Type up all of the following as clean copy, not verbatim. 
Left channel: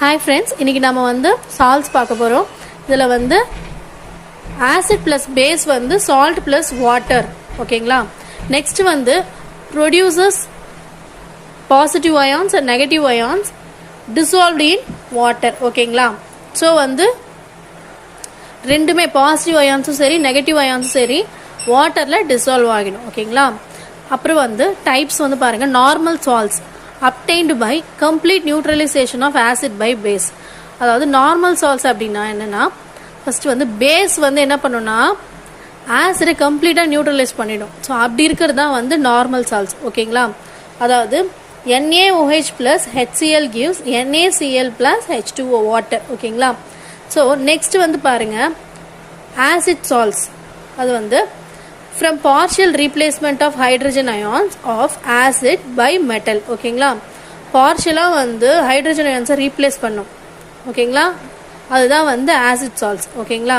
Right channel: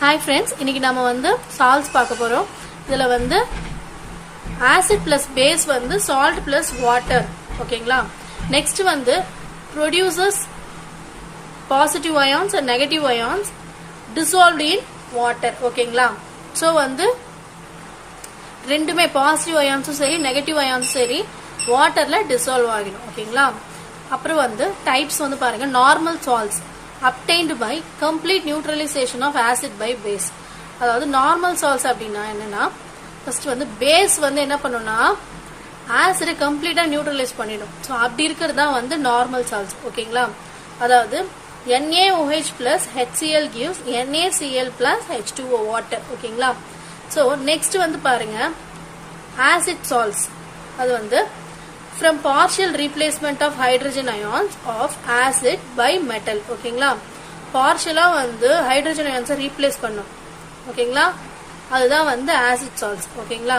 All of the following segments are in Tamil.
Hi friends, இன்னைக்கு நாம வந்து salts பார்க்க போறோம். இதுல வந்து acid plus base வந்து salt plus water. ஓகேங்களா? Next வந்து produces positive ions and negative ions dissolved in water. ஓகேங்களா? So வந்து ரெண்டுமே பாசிட்டிவ் அயான்ஸும் சரி நெகட்டிவ் அயான்ஸும் சரி வாட்டர்ல டிசால்வ் ஆகிடும். ஓகேங்களா? அப்புறம் வந்து டைப்ஸ் வந்து பாருங்க. Normal salts obtained by complete neutralization of acid by base. அதாவது நார்மல் சால்ட்ஸ் அப்படின்னா என்னன்னா ஃபர்ஸ்ட் வந்து பேஸ் வந்து என்ன பண்ணும்னா ஆசிடை கம்ப்ளீட்டா நியூட்ரலைஸ் பண்ணிடும். ஸோ அப்படி இருக்கிறது தான் வந்து நார்மல் சால்ட்ஸ். ஓகேங்களா? அதாவது NaOH plus HCl gives NaCl plus H2O water. ஓகேங்களா? ஸோ நெக்ஸ்ட் வந்து பாருங்க ஆசிட் சால்ட்ஸ். அது வந்து from partial replacement of hydrogen ions of acid by metal. ஓகேங்களா? பார்ஷியலா வந்து ஹைட்ரஜன் அயான்ஸை ரீப்ளேஸ் பண்ணும். ஓகேங்களா? அதுதான் வந்து ஆசிட் சால்ட்ஸ். ஓகேங்களா?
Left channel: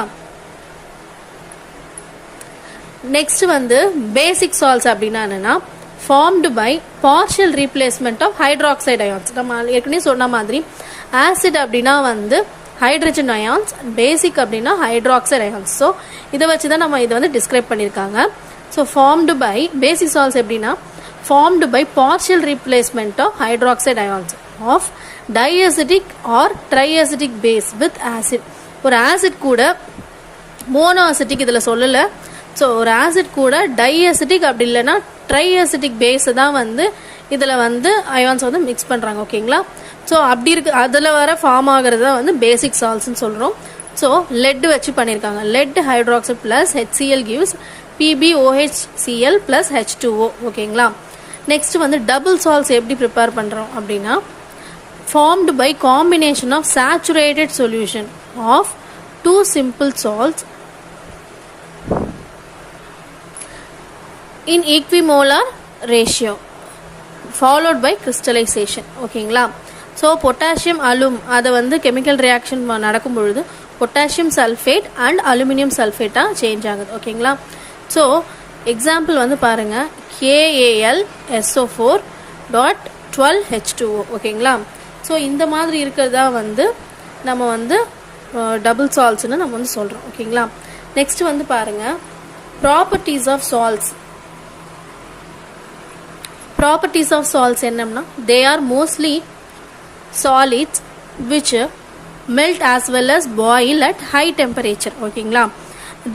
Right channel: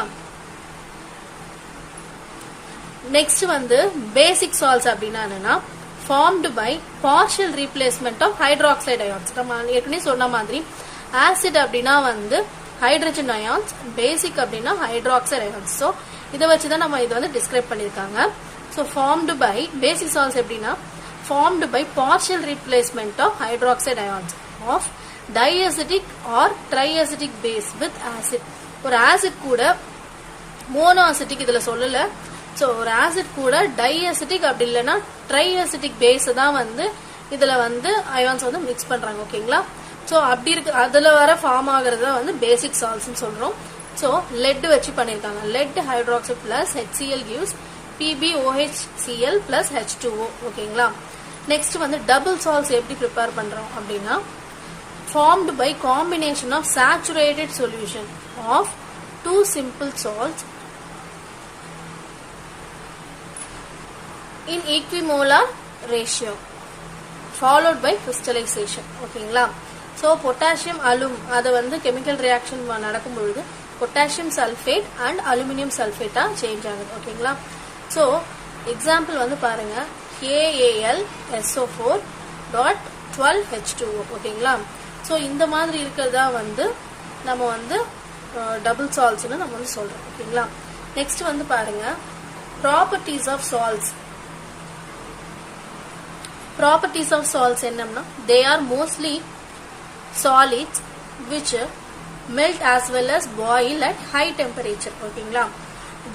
நெக்ஸ்ட் வந்து பேசிக் சால்ட்ஸ் அப்படின்னா என்னன்னா formed by partial replacement of hydroxide ions. நம்ம ஏற்கனவே சொன்ன மாதிரி ஆசிட் அப்படின்னா வந்து ஹைட்ரஜன் அயான்ஸ், பேசிக் அப்படின்னா ஹைட்ராக்சைடு அயான்ஸ். ஸோ இதை வச்சுதான் நம்ம இதை வந்து டிஸ்கிரைப் பண்ணியிருக்காங்க. So formed by basic salts எப்படின்னா formed by partial replacement of hydroxide ions of diacidic or triacidic base with acid. ஒரு ஆசிட் கூட மோனோ அசிட்டிக் இதுல சொல்லல. ஸோ ஒரு ஆசிட் கூட டைஅசிட்டிக் அப்படி இல்லைன்னா ட்ரைஅசிட்டிக் பேஸ் தான் வந்து இதுல வந்து அயான்ஸ் வந்து மிக்ஸ் பண்றாங்க. ஓகேங்களா? ஸோ அப்படி இருக்கு அதுல வர ஃபார்ம் ஆகுறத வந்து பேசிக் சால்ட்ஸ்ன்னு சொல்றோம். ஸோ லெட் வச்சு பண்ணியிருக்காங்க. Let hydroxide plus HCl gives PbOHCl plus H2O. ஓகேங்களா? நெக்ஸ்ட் வந்து டபுள் சால்ட்ஸ் எப்படி ப்ரிப்பேர் பண்றோம் அப்படின்னா formed by combination of saturated solution of two simple salts in equimolar ratio followed by crystallization. ஓகேங்களா? ஸோ பொட்டாசியம் அலும் அதை வந்து கெமிக்கல் ரியாக்ஷன் நடக்கும் பொழுது பொட்டாசியம் சல்ஃபேட் அண்ட் அலுமினியம் சல்ஃபேட்டா சேஞ்ச் ஆகுது. ஓகேங்களா? ஸோ எக்ஸாம்பிள் வந்து பாருங்க KAlSO4.12H2O. ஓகேங்களா? ஸோ இந்த மாதிரி இருக்கிறதா வந்து நம்ம வந்து டபுள் சால்ட்ஸ்னு நம்ம வந்து சொல்றோம். ஓகேங்களா? நெக்ஸ்ட் வந்து பாருங்க properties of salts. Properties of salts என்னன்னா they are mostly solids which melt as well as boil at high temperature. ஓகேங்களா?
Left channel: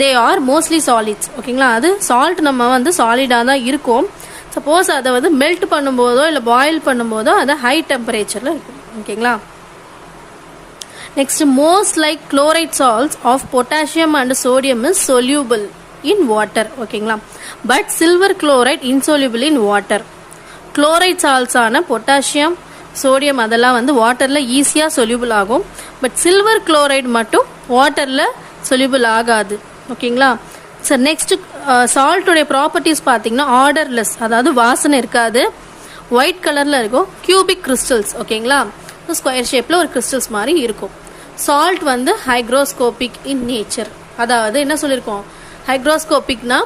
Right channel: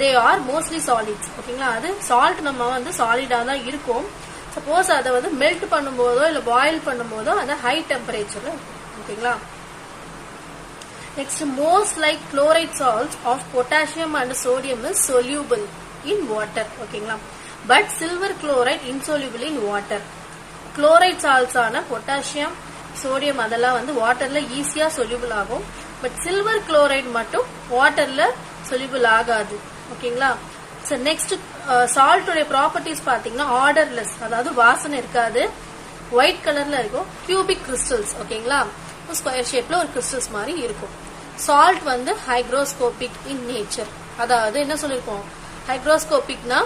they are mostly solids. ஓகேங்களா? அது சால்ட் நம்ம வந்து சாலிடா தான் இருக்கும். சப்போஸ் அதை வந்து மெல்ட் பண்ணும்போதோ இல்ல பாயில் பண்ணும்போதோ அது ஹை டெம்பரேச்சர்ல இருக்கும். ஓகேங்களா? Next most like chloride salts of potassium and sodium is soluble in water. ஓகேங்களா? But silver chloride insoluble in water. Chloride salts ஆன பொட்டாசியம் சோடியம் அதெல்லாம் வந்து வாட்டர்ல ஈஸியா சொல்யூபிள் ஆகும். பட் சில்வர் குளோரைடு மட்டும் வாட்டர்ல சொல்யூபிள் ஆகாது. ஓகேங்களா? சார் நெக்ஸ்ட் சால்ட்டோட ப்ராப்பர்ட்டிஸ் பாத்தீங்கன்னா ஆர்டர்லெஸ், அதாவது வாசனை இருக்காது, ஒயிட் கலர்ல இருக்கும், கியூபிக் கிறிஸ்டல்ஸ். ஓகேங்களா? ஸ்கொயர் ஷேப்ல ஒரு கிறிஸ்டல்ஸ் மாதிரி இருக்கும். சால்ட் வந்து ஹைக்ரோஸ்கோபிக் இன் நேச்சர். அதாவது என்ன சொல்லிருக்கோம், ஹைக்ரோஸ்கோபிக்னா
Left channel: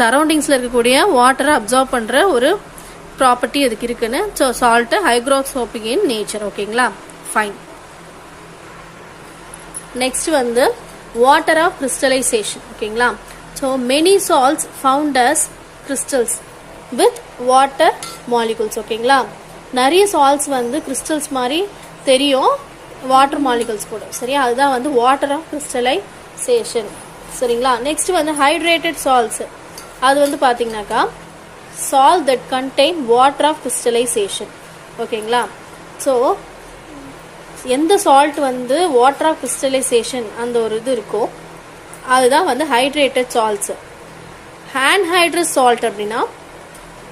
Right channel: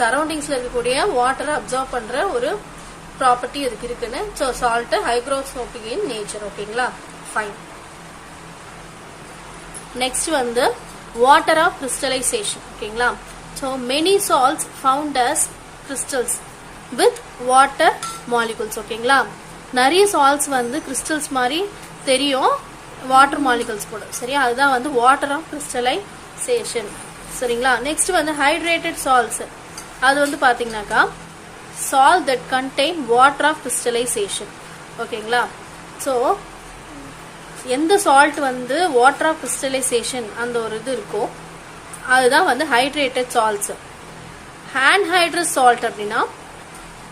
சரௌண்டிங்ஸ்ல இருக்கக்கூடிய வாட்டரை அப்சர்வ் பண்ற ஒரு ப்ராப்பர்ட்டி அதுக்கு இருக்குன்னு. So salt hygroscopic in nature. ஓகேங்களா? ஃபைன். நெக்ஸ்ட் வந்து வாட்டர் ஆஃப் கிறிஸ்டலைசேஷன். ஓகேங்களா? So many salts found as crystals with water molecules. ஓகேங்களா? நிறைய சால்ட்ஸ் வந்து கிறிஸ்டல்ஸ் மாதிரி தெரியும் வாட்டர் மாலிகுல்ஸ் கூட. சரியா? அதுதான் வந்து வாட்டர் ஆஃப் கிறிஸ்டலைசேஷன். சரிங்களா? நெக்ஸ்ட் வந்து ஹைட்ரேட்டட் சால்ட்ஸ். அது வந்து பாத்தீங்கன்னாக்கா salt that contain water of crystallization. ஓகேங்களா? ஸோ எந்த சால்ட் வந்து வாட்டர் ஆஃப் கிறிஸ்டலைசேஷன் அந்த ஒரு இது இருக்கோ அதுதான் வந்து ஹைட்ரேட்டட் சால்ட்ஸ். ஆன்ஹைட்ரஸ் சால்ட் அப்படின்னா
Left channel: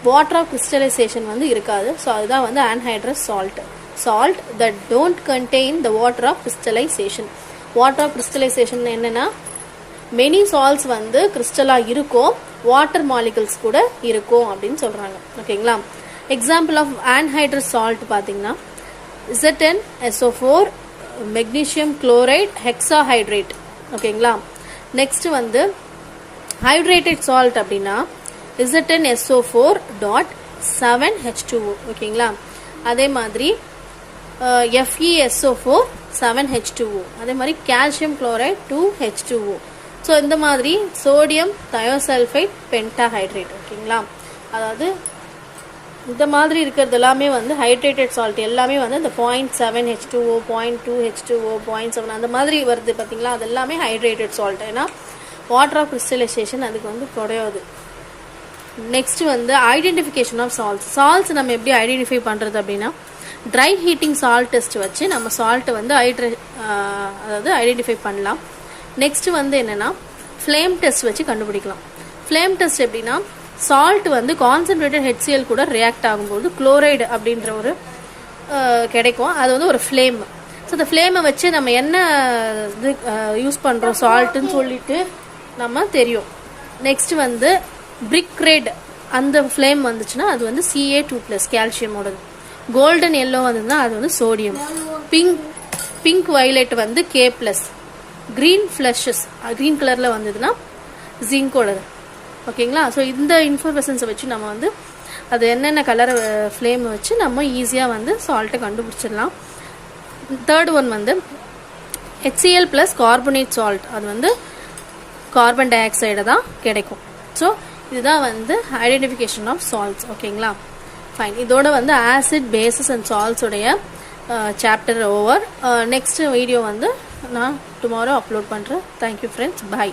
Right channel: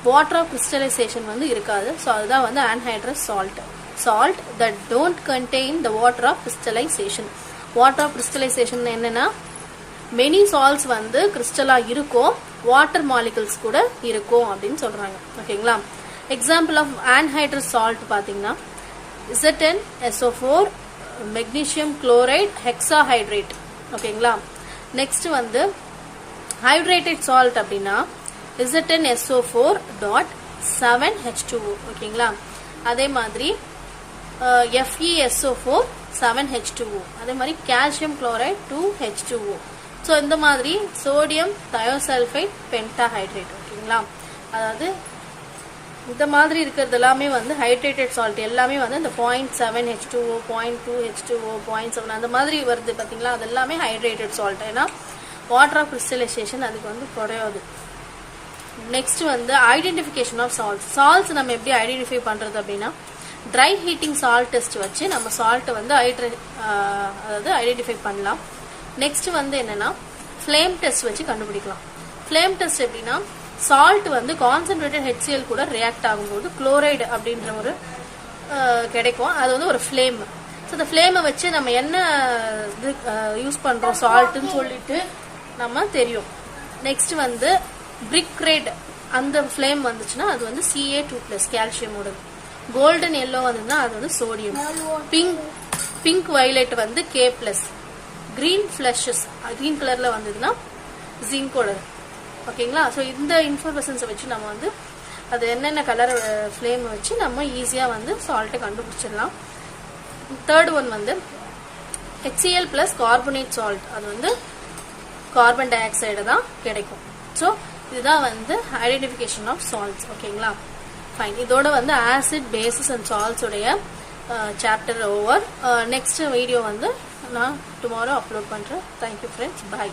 வாட்டர் ஆஃப் கிறிஸ்டலைசேஷன் வந்து இருக்காது. ஸோ அதுதான் வந்து anhydrous salt. Salt that don't contain the water of crystallization. Water of crystallization என்னன்னா மெனி சால்ட்ஸ் வந்து கிறிஸ்டலா இருக்கும், வாட்டர் மாலிகுல்ஸ் கூட இருக்கும் அப்படின்னு சொல்றாங்க. ஓகேங்களா? எக்ஸாம்பிள் ஆஃப் ஆன்ஹைட்ரஸ் சால்ட் பாத்தீங்கன்னா ZnSO4, மெக்னீசியம் குளோரைட், ஹெக்ஸாஹைட்ரேட். ஓகேங்களா? நெக்ஸ்ட் வந்து ஹைட்ரேட்டட் சால்ட் அப்படின்னா ZnSO4.7H2O. ஓகேங்களா? அதே மாதிரி FeSO4 7H2O. அதே மாதிரி கால்சியம் குளோரைட் 2H2O. ஸோ இந்த மாதிரி சோடியம் தயோசல்ஃபைட் பென்டாஹைட்ரேட். ஓகேங்களா, அதாவது இந்த மாதிரி இருக்கிறது எல்லாமே வந்து ஹைட்ரேட்டட் சால்ட் எல்லாமே வந்து இந்த 0.7H2O 0.2H2O 0.7 அந்த மாதிரி வருது பார்த்தீங்களா, அது எல்லாமே ஹைட்ரேட்டட் சால்ட். ஏன்னா வாட்டர் ஆஃப் கிறிஸ்டலைசேஷன் அதுக்கு வந்து குறையாது. நெக்ஸ்ட் வந்து ஐடென்டிஃபிகேஷன் ஆஃப் சால்ட்ஸ். சால்ட்ஸ் நம்ம எப்படி ஐடென்டிஃபை பண்றது அப்படின்னா, ட்ரை ஹீட்டிங் சால்ட் டெஸ்ட் வச்சு நம்ம சால்ட்டை வந்து அதாவது ஐடென்டிஃபை பண்ணலாம். நெக்ஸ்ட் வந்து என்னன்னா ஃப்ளேம் டெஸ்ட் வச்சு கண்டுபிடிக்கலாம். ஃப்ளேம் டெஸ்ட் எப்படின்னா, சால்ட் வந்து கான்சென்ட்ரேட்டட் HCl கூட ரியாக்ட் ஆகும்போது குளோரைடு அப்படின்ற ஒரு கிடைக்கும். அது வந்து ஒரு ஃப்ளேம். ஸோ இந்த ஃப்ளேமை வச்சு நம்ம என்ன இது யூஸ் பண்றோம் சால்ட்டுன்னு சொல்லிட்டு நம்ம தெரியும். நெக்ஸ்ட் வந்து பிரிக் ரெட் அந்த ஃப்ளேம் வந்துச்சுன்னா அது வந்து Ca2+ கால்சியமோடது. கோல்டன் எல்லோ வந்ததுன்னா அது வந்து சோடியம். பிங்க் வயலட் வந்து K+. கிரீன் ஃபிளஷஸ் கிரீன் கலர்ல வந்ததுன்னா ஜிங்கோடது. ஓகேங்களா, ஸோ இந்த இன்ஃபர்மேஷன்ஸை வச்சு நம்ம வந்து அது என்னென்ன கலர் ஃப்ளேம் வச்சு நம்ம ஈஸியாக வந்து சால்ட்டை கண்டுபிடிச்சிடலாம். தேர்ட் ஒன் வந்து HCl + கார்பனேட் சால்ட். அது வந்து கார்பன் டை ஆக்சைடு தான் கிடைக்கும். ஸோ இதுதான் வந்து ஐடென்டிஃபிகேஷன் ஆஃப் சால்ட்ஸ். ஓகேங்களா, ஃபைன். இதோட வந்து ஆசிட், பேசஸ் அண்ட் சால்ட்ஸ் உடைய சாப்டர் ஓவர். நெக்ஸ்ட் வீடியோ வந்து நான் டுமாரோ அப்லோட் பண்றேன். Thank you friends, bye.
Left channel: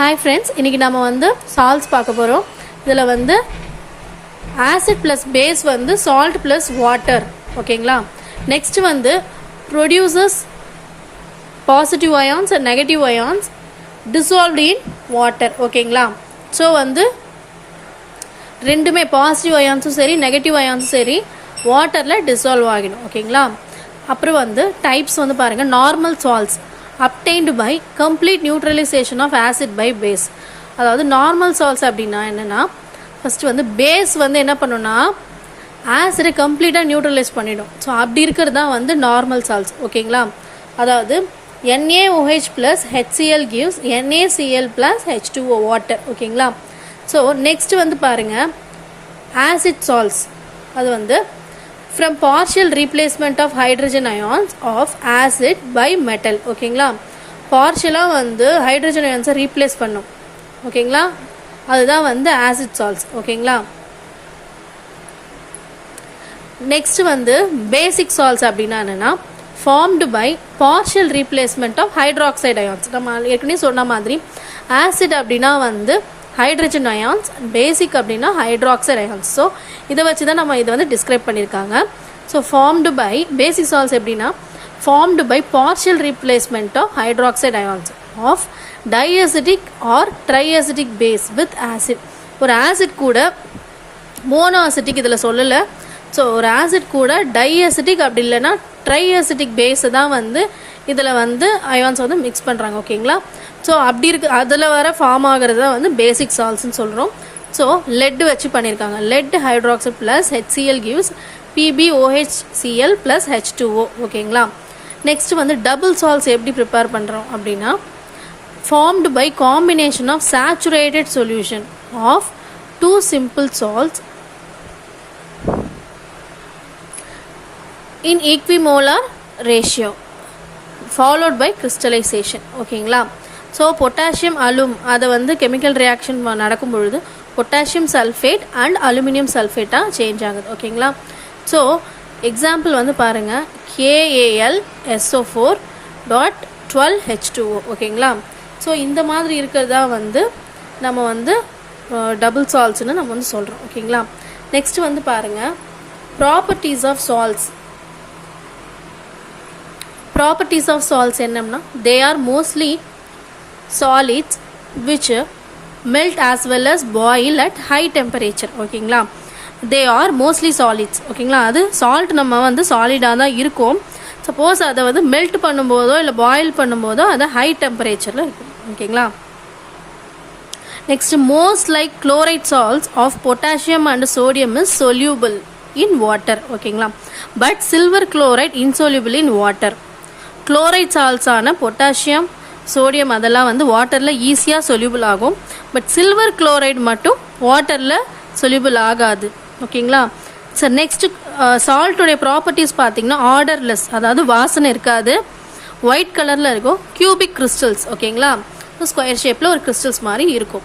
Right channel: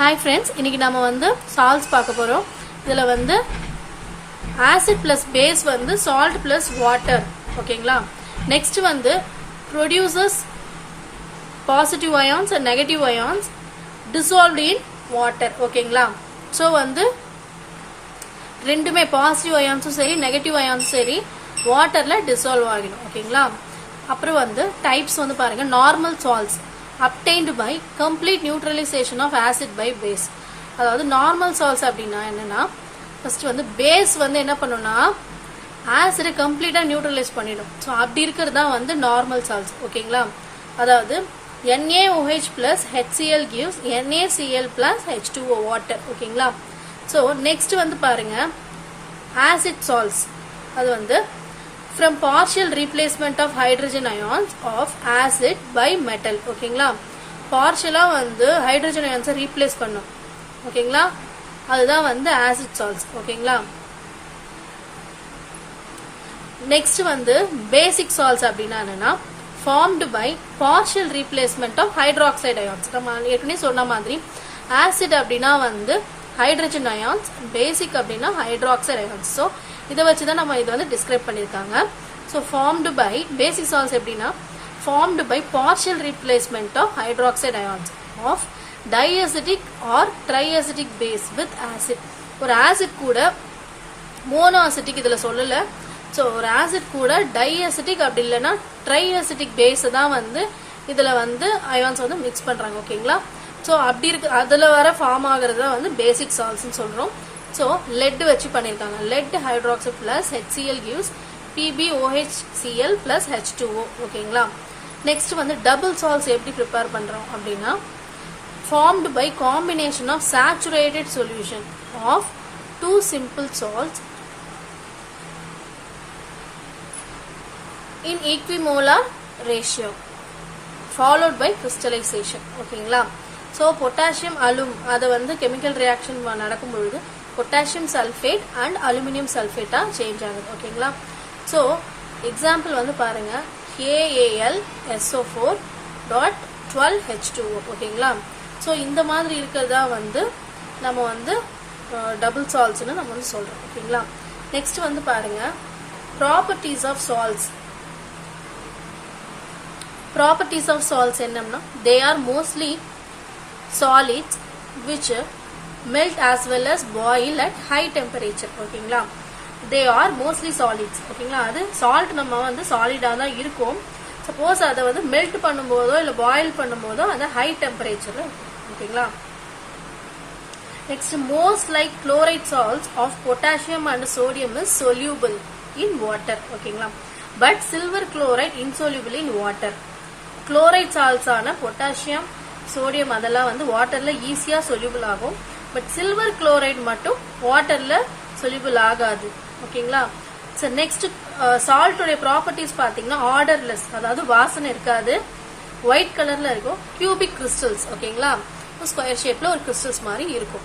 Hi friends, இன்னைக்கு நம்ம வந்து சால்ட்ஸ் பார்க்க போறோம். இதுல வந்து ஆசிட் பிளஸ் பேஸ் வந்து சால்ட் பிளஸ் வாட்டர். ஓகேங்களா, நெக்ஸ்ட் வந்து producers positive ions and negative ions dissolved in water. ஓகேங்களா, ஸோ வந்து ரெண்டுமே பாசிட்டிவ் அயான்ஸும் சரி நெகட்டிவ் அயான்ஸும் சரி வாட்டர்ல டிசால்வ் ஆகிடும். ஓகேங்களா, அப்புறம் வந்து டைப்ஸ் வந்து பாருங்க. Normal salts obtained by complete neutralization of acid by base. அதாவது நார்மல் சால்ட்ஸ் அப்படின்னா என்னன்னா, ஃபர்ஸ்ட் வந்து பேஸ் வந்து என்ன பண்ணும்னா ஆசிடை கம்ப்ளீட்டா நியூட்ரலைஸ் பண்ணிடும். ஸோ அப்படி இருக்கிறது தான் வந்து நார்மல் சால்ட்ஸ். ஓகேங்களா, அதாவது NaOH plus HCl gives NaCl plus H2O water. ஓகேங்களா, ஸோ நெக்ஸ்ட் வந்து பாருங்க ஆசிட் சால்ட்ஸ். அது வந்து from partial replacement of hydrogen ions of acid by metal. ஓகேங்களா, பார்ஷியலா வந்து ஹைட்ரஜன் அயான்ஸை ரீப்ளேஸ் பண்ணும். ஓகேங்களா, அதுதான் வந்து ஆசிட் சால்ட்ஸ். ஓகேங்களா, நெக்ஸ்ட் வந்து பேசிக் சால்ட்ஸ் அப்படின்னா என்னன்னா, formed by partial replacement of hydroxide ions. நம்ம ஏற்கனவே சொன்ன மாதிரி ஆசிட் அப்படின்னா வந்து ஹைட்ரஜன் அயான்ஸ், பேசிக் அப்படின்னா ஹைட்ராக்சைடு அயான்ஸ். ஸோ இதை வச்சு தான் நம்ம இதை வந்து டிஸ்கிரைப் பண்ணியிருக்காங்க. So formed by basic salts எப்படின்னா, formed by partial replacement of hydroxide ions of diacidic or triacidic base with acid. ஒரு ஆசிட் கூட மோனோ அசிட்டிக் இதில் சொல்லலை. ஸோ ஒரு ஆசிட் கூட டைஅசிட்டிக் அப்படி இல்லைன்னா ட்ரைஅசிட்டிக் பேஸ் தான் வந்து இதில் வந்து அயான்ஸ் வந்து மிக்ஸ் பண்ணுறாங்க. ஓகேங்களா, ஸோ அப்படி இருக்கு அதில் வர ஃபார்ம் ஆகிறது தான் வந்து பேசிக் சால்ட்ஸ்ன்னு சொல்கிறோம். ஸோ லெட் வச்சு பண்ணியிருக்காங்க. Let hydroxide plus HCl gives PbOHCl plus H2O. ஓகேங்களா, நெக்ஸ்ட் வந்து டபுள் சால்ட்ஸ் எப்படி ப்ரிப்பேர் பண்ணுறோம் அப்படின்னா, formed by combination of saturated solution of two simple salts in equimolar ratio followed by crystallization. ஓகேங்களா, ஸோ பொட்டாசியம் அலும் அதை வந்து கெமிக்கல் ரியாக்ஷன் நடக்கும் பொழுது பொட்டாசியம் சல்ஃபேட் அண்ட் அலுமினியம் சல்ஃபேட்டாக சேஞ்ச் ஆகுது. ஓகேங்களா, ஸோ எக்ஸாம்பிள் வந்து பாருங்க KAlSO4.12H2O. ஓகேங்களா, ஸோ இந்த மாதிரி இருக்கிறதா வந்து நம்ம வந்து டபுள் சால்ட்ஸ்னு நம்ம வந்து சொல்கிறோம். ஓகேங்களா, நெக்ஸ்ட் வந்து பாருங்க properties of salts. Properties of salts என்னன்னா, they are mostly solids which melt as well as boil at high temperature. ஓகேங்களா, they are mostly solids. ஓகேங்களா, அது சால்ட் நம்ம வந்து சாலிடா தான் இருக்கும். சப்போஸ் அதை வந்து மெல்ட் பண்ணும்போதோ இல்லை பாயில் பண்ணும்போதோ அது ஹை டெம்பரேச்சர்ல இருக்கும். ஓகேங்களா, next most like chloride salts of potassium and sodium is soluble in water. ஓகேங்களா, but silver chloride insoluble in water. Chloride salts ஆன பொட்டாசியம் சோடியம் அதெல்லாம் வந்து வாட்டர்ல ஈஸியா சொல்யூபிள் ஆகும். பட் சில்வர் குளோரைட் மட்டும் வாட்டர்ல சொல்யூபிள் ஆகாது. ஓகேங்களா. சார் நெக்ஸ்ட் சால்ட்டோடைய ப்ராப்பர்ட்டிஸ் பார்த்தீங்கன்னா ஆர்டர்லெஸ், அதாவது வாசனை இருக்காது, ஒயிட் கலரில் இருக்கும், கியூபிக் கிறிஸ்டல்ஸ். ஓகேங்களா, ஸ்கொயர் ஷேப்பில் ஒரு கிறிஸ்டல்ஸ் மாதிரி இருக்கும்.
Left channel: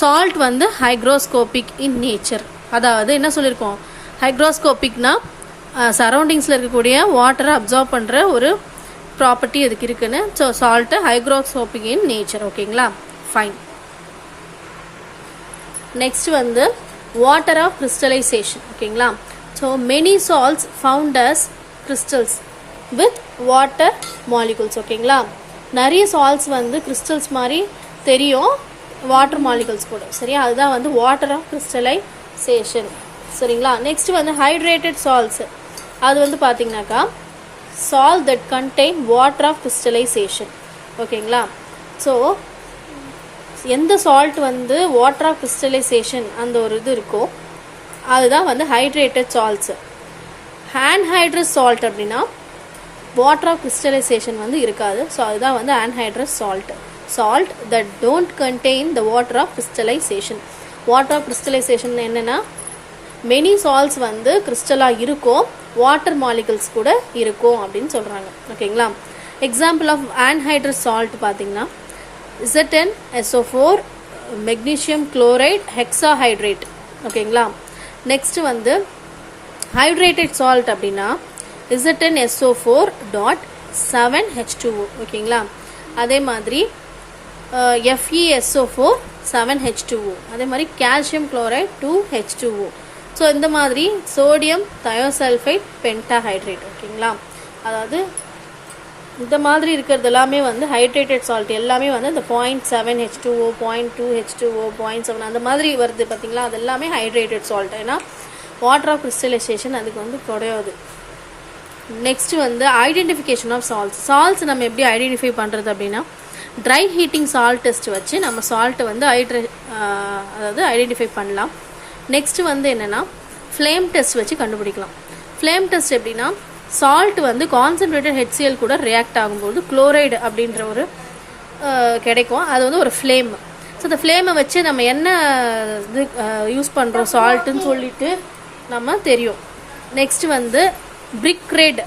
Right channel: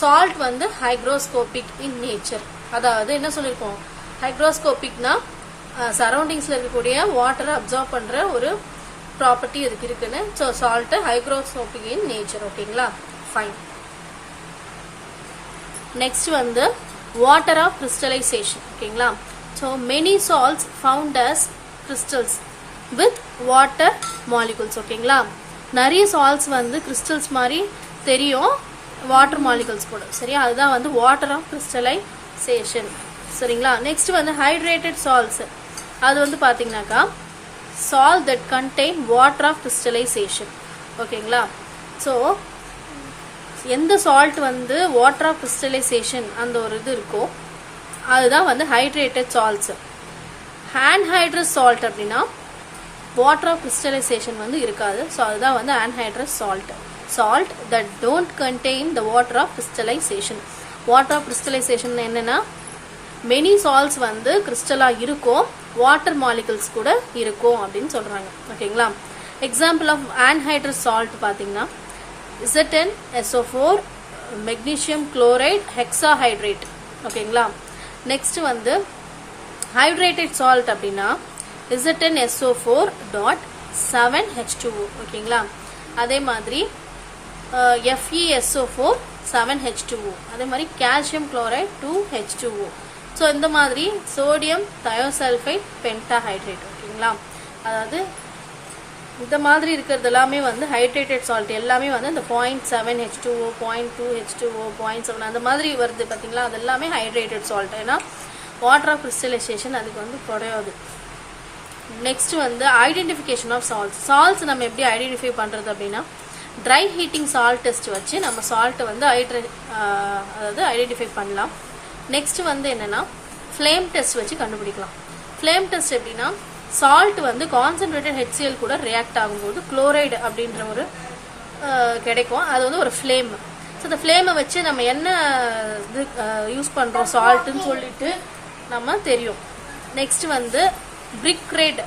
சால்ட் வந்து ஹைக்ரோஸ்கோபிக் இன் நேச்சர், அதாவது என்ன சொல்லியிருக்கோம், ஹைக்ரோஸ்கோபிக்னா சரௌண்டிங்ஸில் இருக்கக்கூடிய வாட்டரை அப்சார்ப் பண்ணுற ஒரு ப்ராப்பர்ட்டி அதுக்கு இருக்குன்னு. So salt hygroscopic in nature. ஓகேங்களா, ஃபைன். நெக்ஸ்ட் வந்து வாட்டர் ஆஃப் கிறிஸ்டலைசேஷன். ஓகேங்களா, so many salts found as crystals with water molecules. ஓகேங்களா, நிறைய சால்ட்ஸ் வந்து கிறிஸ்டல்ஸ் மாதிரி தெரியும், வாட்டர் மாலிகுல்ஸ் கூட. சரியா, அதுதான் வந்து வாட்டர் ஆஃப் கிறிஸ்டலைசேஷன். சரிங்களா. நெக்ஸ்ட் வந்து ஹைட்ரேட்டட் சால்ட்ஸ், அது வந்து பார்த்தீங்கன்னாக்கா salt that contain water of crystallization. ஓகேங்களா, ஸோ எந்த சால்ட் வந்து வாட்டர் ஆஃப் கிறிஸ்டலைசேஷன் அந்த ஒரு இது இருக்கோ அதுதான் வந்து ஹைட்ரேட்டட் சால்ட்ஸ். ஆன்ஹைட்ரஸ் சால்ட் அப்படின்னா வாட்டர் ஆஃப் கிறிஸ்டலைசேஷன் வந்து இருக்காது. ஸோ அதுதான் வந்து anhydrous salt. Salt that don't contain the water of crystallization. Water of crystallization என்னன்னா மெனி சால்ட்ஸ் வந்து கிறிஸ்டலா இருக்கும், வாட்டர் மாலிகுல்ஸ் கூட இருக்கும் அப்படின்னு சொல்றாங்க. ஓகேங்களா, எக்ஸாம்பிள் ஆஃப் ஆன்ஹைட்ரஸ் சால்ட் பார்த்தீங்கன்னா ZnSO4, மெக்னீசியம் குளோரைட், ஹெக்ஸாஹைட்ரேட். ஓகேங்களா, நெக்ஸ்ட் வந்து ஹைட்ரேட்டட் சால்ட் அப்படின்னா ZnSO4.7H2O. ஓகேங்களா, அதே மாதிரி FeSO4 7H2O, அதே மாதிரி கால்சியம் குளோரைட் 2H2O. ஸோ இந்த மாதிரி சோடியம் தயோசல்ஃபைட் பென்டாஹைட்ரேட். ஓகேங்களா, அதாவது இந்த மாதிரி இருக்கிறது எல்லாமே வந்து ஹைட்ரேட்டட் சால்ட் எல்லாமே வந்து இந்த 0.7H2O, 0.2H2O, 0.7 அந்த மாதிரி வருது பார்த்தீங்களா, அது எல்லாமே ஹைட்ரேட்டட் சால்ட். ஏன்னா வாட்டர் ஆஃப் கிறிஸ்டலைசேஷன் அதுக்கு வந்து குறையாது. நெக்ஸ்ட் வந்து ஐடென்டிஃபிகேஷன் ஆஃப் சால்ட்ஸ். சால்ட்ஸ் நம்ம எப்படி ஐடென்டிஃபை பண்ணுறது அப்படின்னா ட்ரை ஹீட்டிங் சால்ட் டெஸ்ட் வச்சு நம்ம சால்ட்டை வந்து அதாவது ஐடென்டிஃபை பண்ணலாம். நெக்ஸ்ட் வந்து என்னன்னா ஃப்ளேம் டெஸ்ட் வச்சு கண்டுபிடிக்கலாம். ஃப்ளேம் டெஸ்ட் எப்படின்னா சால்ட் வந்து கான்சென்ட்ரேட்டட் HCl கூட ரியாக்ட் ஆகும்போது குளோரைடு அப்படின்ற ஒரு கிடைக்கும், அது வந்து ஒரு ஃப்ளேம். ஸோ அந்த ஃப்ளேமை வச்சு நம்ம என்ன இது யூஸ் பண்ணுறோம் சால்ட்டுன்னு சொல்லிட்டு நம்ம தெரியும். நெக்ஸ்ட் வந்து பிரிக் ரெட்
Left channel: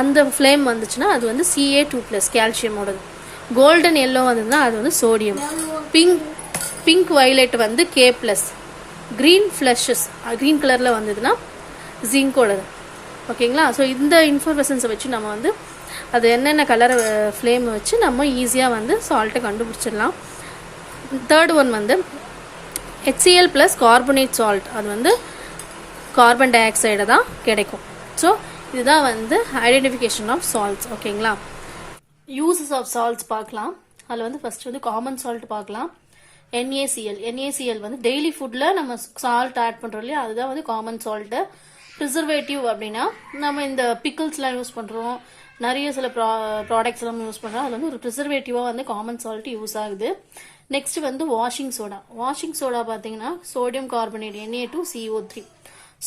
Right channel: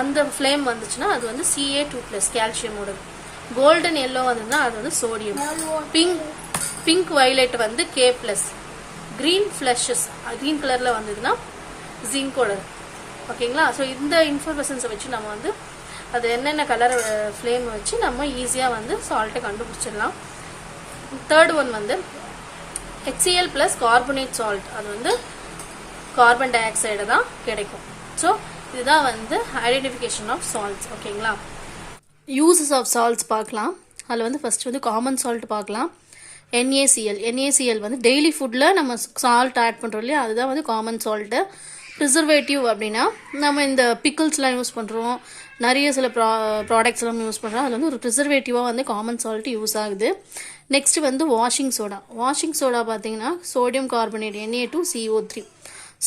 அந்த ஃப்ளேம் வந்துச்சுன்னா அது வந்து Ca2+, கால்சியமோடது. கோல்டன் எல்லோ வந்ததுன்னா அது வந்து சோடியம். பிங்க் வயலட் வந்து K+. கிரீன் ஃபிளஷஸ் கிரீன் கலரில் வந்ததுன்னா ஜிங்கோடது. ஓகேங்களா, ஸோ இந்த இன்ஃபர்மேஷன்ஸை வச்சு நம்ம வந்து அது என்னென்ன கலர் ஃப்ளேம் வச்சு நம்ம ஈஸியாக வந்து சால்ட்டை கண்டுபிடிச்சிடலாம். தேர்ட் ஒன் வந்து HCl + கார்பனேட் சால்ட், அது வந்து கார்பன் டை ஆக்சைடு தான் கிடைக்கும். ஸோ இதுதான் வந்து ஐடென்டிஃபிகேஷன் ஆஃப் சால்ட்ஸ். ஓகேங்களா, யூசஸ் ஆஃப் சால்ட்ஸ் பார்க்கலாம். அதில் வந்து ஃபர்ஸ்ட் வந்து காமன் சால்ட் பார்க்கலாம். NaCl வந்து டெய்லி ஃபுட்டில் நம்ம சால்ட் ஆட் பண்ணுறோம் இல்லையா, அதுதான் வந்து காமன் சால்ட்டு. ப்ரிசர்வேட்டிவ் அப்படின்னா நம்ம இந்த பிக்கிள்ஸ்லாம் யூஸ் பண்ணுறோம், நிறைய சில ப்ராடக்ட்ஸ் எல்லாம் யூஸ் பண்ணுறோம், அதில் வந்து ஒரு ப்ரிசர்வேட்டிவாக வந்து காமன் சால்ட் யூஸ் ஆகுது. நெக்ஸ்ட் வந்து வாஷிங் சோடா. வாஷிங் சோடா பார்த்தீங்கன்னா sodium carbonate Na2CO3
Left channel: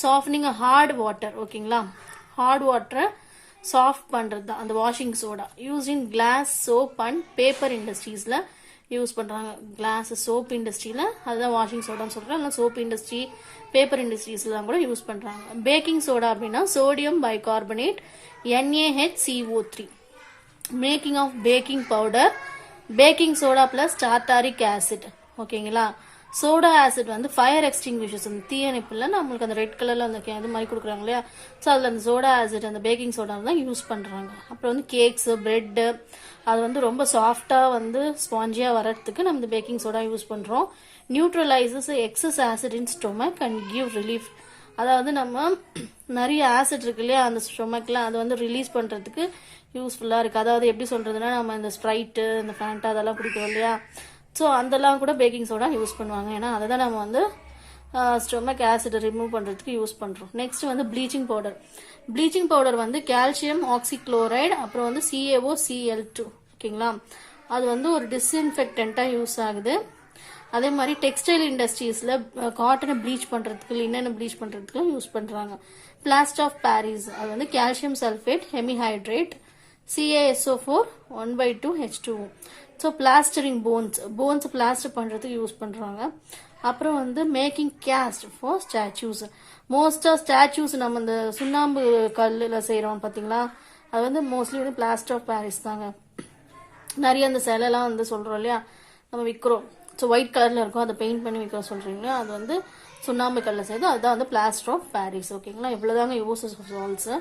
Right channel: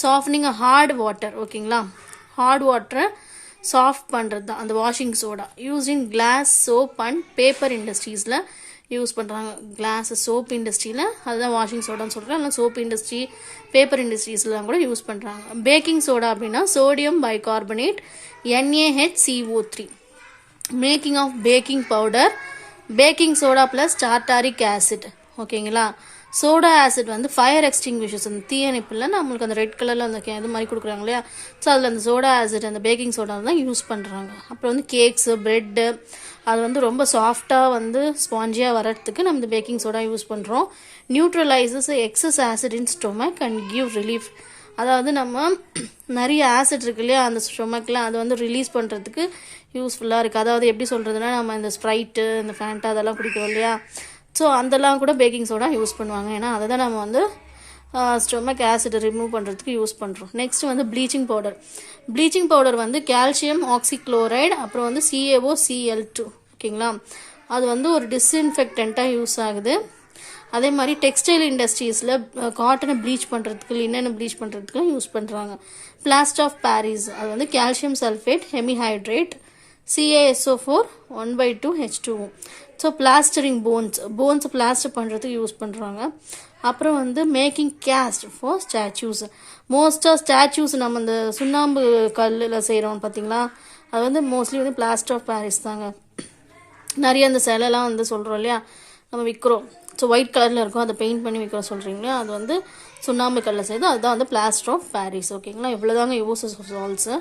softening hard water. ஓகேங்களா, ஹார்ட் வாட்டரை சாஃப்ட் பண்ணுறது தான் அந்த washing soda. Use in glass, soap and paper இண்டஸ்ட்ரீஸில் யூஸ் பண்ணுறாங்க. கிளாஸ், சோப் இண்டஸ்ட்ரியில் அதுதான் வாஷிங் சோடான்னு சொல்கிறேன். இல்லை சோப் இண்டஸ்ட்ரி, பேப்பர் இண்டஸ்ட்ரீஸ்லாம் கூட யூஸ் பண்ணுறாங்க. பேக்கிங் சோடா அப்படின்னா sodium bicarbonate NaHCO3. Making of baking powder, baking soda plus tartaric acid. ஓகேங்களா, சோடா ஆசிட் வந்து ஃபயர் எக்ஸ்டிங்விஷர்ஸ், அந்த தீயணைப்பில் நம்மளுக்கு அந்த ரெட் கலரில் அந்த இது மாதிரி கொடுக்குறாங்க இல்லையா, ஸோ அதில் அந்த சோடா ஆசிட் அந்த பேக்கிங் சோடா தான் யூஸ் பண்ணுறாங்க. அப்புறம் வந்து கேக்ஸு, பிரெட்டு அது வந்து ரொம்ப சாஃப்டாக வந்து ஸ்பாஞ்சியாக வரதுக்கு நம்ம இந்த பேக்கிங் சோடா யூஸ் பண்ணுறோம். Neutralizes excess acid in stomach and give relief. அதாவது நம்ம நிறைய ஆசிட் இருக்கு இல்லையா அந்த ஸ்டொமக்கில், அதை வந்து ரிலீஸ் பண்ணுறதுக்கு யூஸ்ஃபுல்லாக இருக்குது. அதாவது எப்படி சொல்கிறதுனா நம்ம இந்த ஸ்ப்ரைட்டு, இந்த ஃபேண்டா அதெல்லாம் குடிக்கிறோம் இல்லையா, ஸோ அதெல்லாம் கூட பேக்கிங் சோடா யூஸ் பண்ணுவாங்க. ஏன்னா அதை தான் நம்ம வந்து ஸ்டொமக் ஆசிடை ரிமூவ் பண்ணுறதுக்கு யூஸ் பண்ணுறோம். நெக்ஸ்ட் வந்து ப்ளீச்சிங் பவுடர். ப்ளீச்சிங் பவுடர் வந்து கால்சியம் ஆக்சிக்ளோரைடு, அப்புறம் வந்து CaOCl2. ஓகேங்களா, அது வந்து ஒரு டிஸ்இன்ஃபெக்டண்ட்டாக யூஸ் ஆகுது. அதே மாதிரி டெக்ஸ்டைல் இண்டஸ்ட்ரீஸில் காட்டனை ப்ளீச் பண்ணுறதுக்கு, லினனை ப்ளீச் பண்ணுறதுக்குலாம் யூஸ் பண்ணுறாங்க. பிளாஸ்டர் ஆஃப் பாரிஸ், அது வந்து calcium sulphate hemihydrate CaSO4 1/2H2O. So plastering bones plaster பண்ணுறதுக்கு யூஸ் பண்ணுறாங்க. அப்புறம் வந்து மேக்கிங் கேஸ்ட் ஃபார் ஸ்டாச்சூஸ். மோஸ்ட்டாக ஸ்டாச்சூஸ் நம்ம இந்த சுண்ணாம்பு கல்லில் செய்கிறோம் பார்த்தீங்களா, அது வந்து மோஸ்ட்லி வந்து பிளாஸ்டர் ஆஃப் பாரிஸ் தாங்க. நிறைய அந்த சிலைலாம் வந்து சொல்கிறோம் இல்லையா, நம்ம விற்கிறோம். ஸோ ஒயிட் கலரில் இருக்கும், அதை பெயிண்ட் பண்ணி விற்கிறோம் சொல்கிறீங்க இல்லையா, அது வந்து சுண்ணாம்பு கல்லில் செய்யுது, அதுதான் வந்து பிளாஸ்டர் ஆஃப் பாரிஸ். ஓகேங்களா, இவ்வளோதாங்க யூசஸ் ஆஃப் சால்ட்ஸு.